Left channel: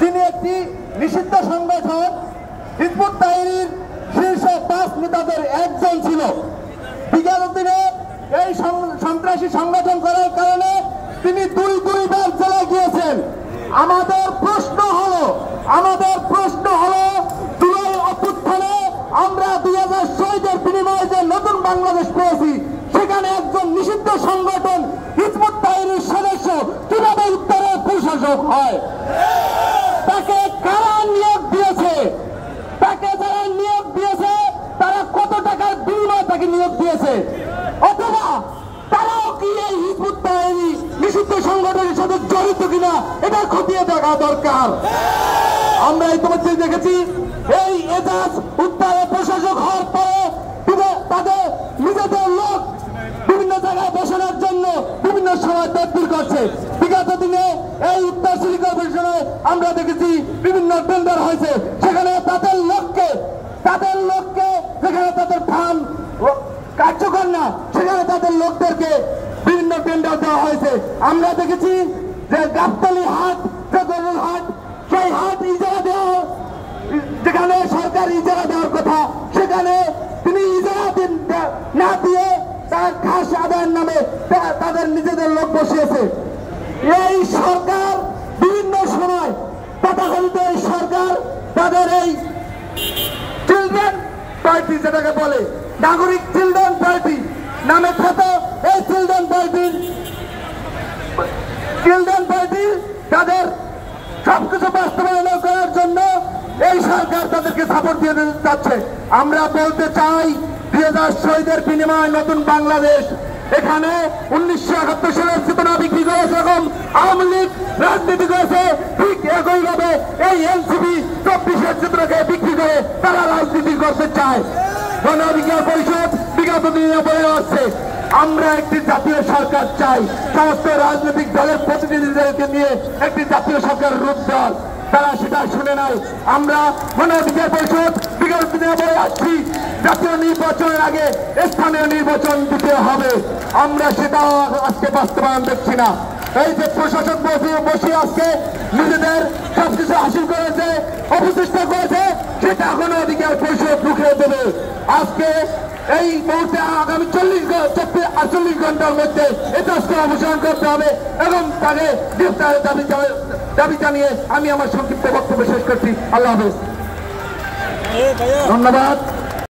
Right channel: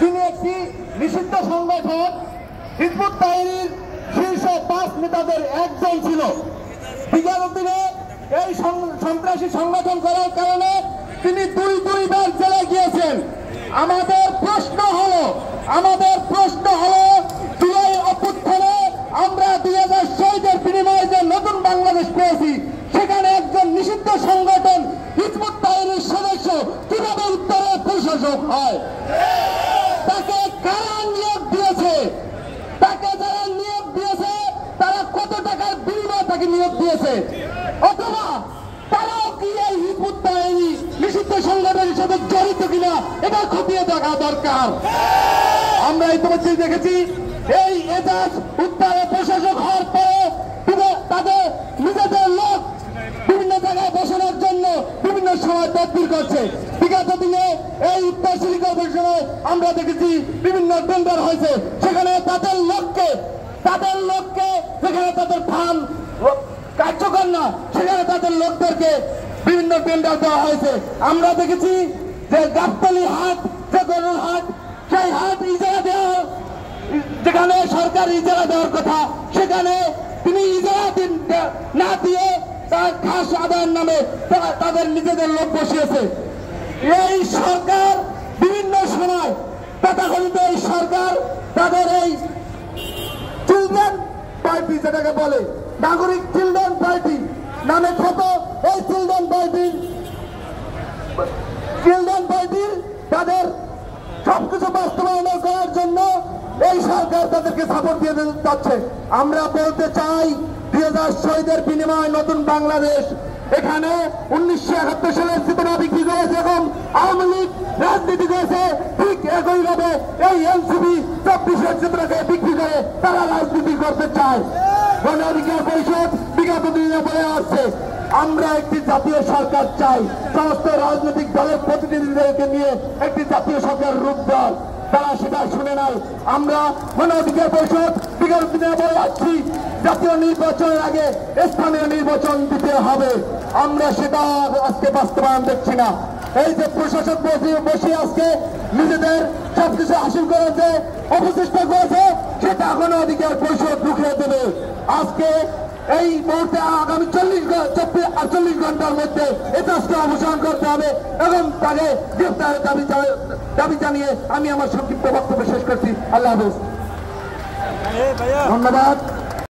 যিনি একটি নিষিদ্ধ সংগঠন হিজবুত তাহরীর শীর্ষ 5 নেতাদের একজন ছিল। বিগত দিনে এই সন্ত্রাসী সংগঠন করার কারণে তিনি দুইবার জেলে গিয়েছেন। আমাদের প্রশ্ন হলো জুলাই অভ্যুত্থানে আমরা 2000 শহীদের বিনিময়ে যে নতুন বাংলাদেশ পেয়েছি, সেখানে একজন নিষিদ্ধ সংগঠন হিজবুত তাহরীর সদস্য কিভাবে উত্তরের প্রশাসক হয়? তাকে কারা নিয়োগ দিয়েছে? তাকে যারা নিয়োগ দিয়েছে তারা কত টাকার বিনিময়ে তাকে নিয়োগ দিয়েছে? অথবা তারাও কি এই হিজবুত তাহরী নিষিদ্ধ সংগঠনের সাথে জড়িত কিনা এটা খতিয়ে দেখা দরকার। আমরা ইতিমধ্যে দেখেছি এই এজাজ উত্তরের প্রশাসক হওয়ার পরে তাদের নিজেদের লোক বিভিন্ন জায়গায় বসানোর জন্য বিভিন্ন সময় তদবির করছে। বিগত দিনে এই উত্তর সিটি কর্পোরেশনে আমরা দেখেছি বিভিন্ন টেন্ডার হয়েছে, সেখানে তাদের লোককে যেখানে তাদের ফান্ড কার্যকর না, সেখানে তাদের লোকদেরকে বিভিন্ন টেন্ডার দেওয়া হয়েছে। আমরা দেখেছি যে গাবতলী হাট, যে গরুর হাট, সেই হাট ইজারা দেওয়া, যেখানে সরকার ইজারা দেওয়ার কথা, সেখানে তিনি ইজারা না দিয়ে তার ঘাস আদায়ের নামে তাদের নিজেদের লোক বসিয়েছে। এই সরকার বিভিন্ন সময় তথাকথিত এই সরকার তাদের এই চিলড্রেন পার্টি, যেটাকে বলে নাগরিক চিলড্রেন পার্টি নামে খ্যাত, এই চিলড্রেন পার্টি তাদের সবকিছু বাস্তবায়ন করার জন্য এই সরকার তাদেরকে সাপোর্ট দিয়ে যাচ্ছে। আমরা বলতে চাই 2000 শহীদের বিনিময়ে নতুন বাংলাদেশ, এখানে 1971 সালের চেতনা বিক্রি করেছে, এখন আওয়ামী লীগ রাজনীতি করেছে, ঠিক একইভাবে এই এনসিপি 24-এর চেতনাকে বিক্রি করে তারা রাজনীতি করতে চায়। গণ অধিকার পরিষদ বিগত দিনে বলে আসছে আমরা একটি জাতীয় সরকার চাই, সমস্ত রাজনৈতিক দলের প্রতিনিধিদেরকে নিয়ে একটি জাতীয় সরকার রূপ দেওয়ার। তারা সেটা শুনে নাই। আমরা গণ অধিকার পরিষদ বিগত দিনে বলে আসছি জাতীয় নির্বাচনের আগে স্থানীয় নির্বাচন দিতে হবে, আমরা সেটা আজকে বাস্তবায়ন দেখছি না। এই যে প্রশাসক বসে আজকে নিজেদের সবকিছু হাসিল করেছে, অপচেষ্টা করেছে, সেটা গণ অধিকার পরিষদ রুখে দেবে। আজকে এই মুহূর্তে আগামী 48 ঘন্টার মধ্যে এই কাজটা অবসান করতে হবে এবং তাকে গ্রেফতারের দাবি জানিয়ে আমি আমার সংক্ষিপ্ত বক্তব্য শেষ করছি। আল্লাহ হাফেজ, ধন্যবাদ।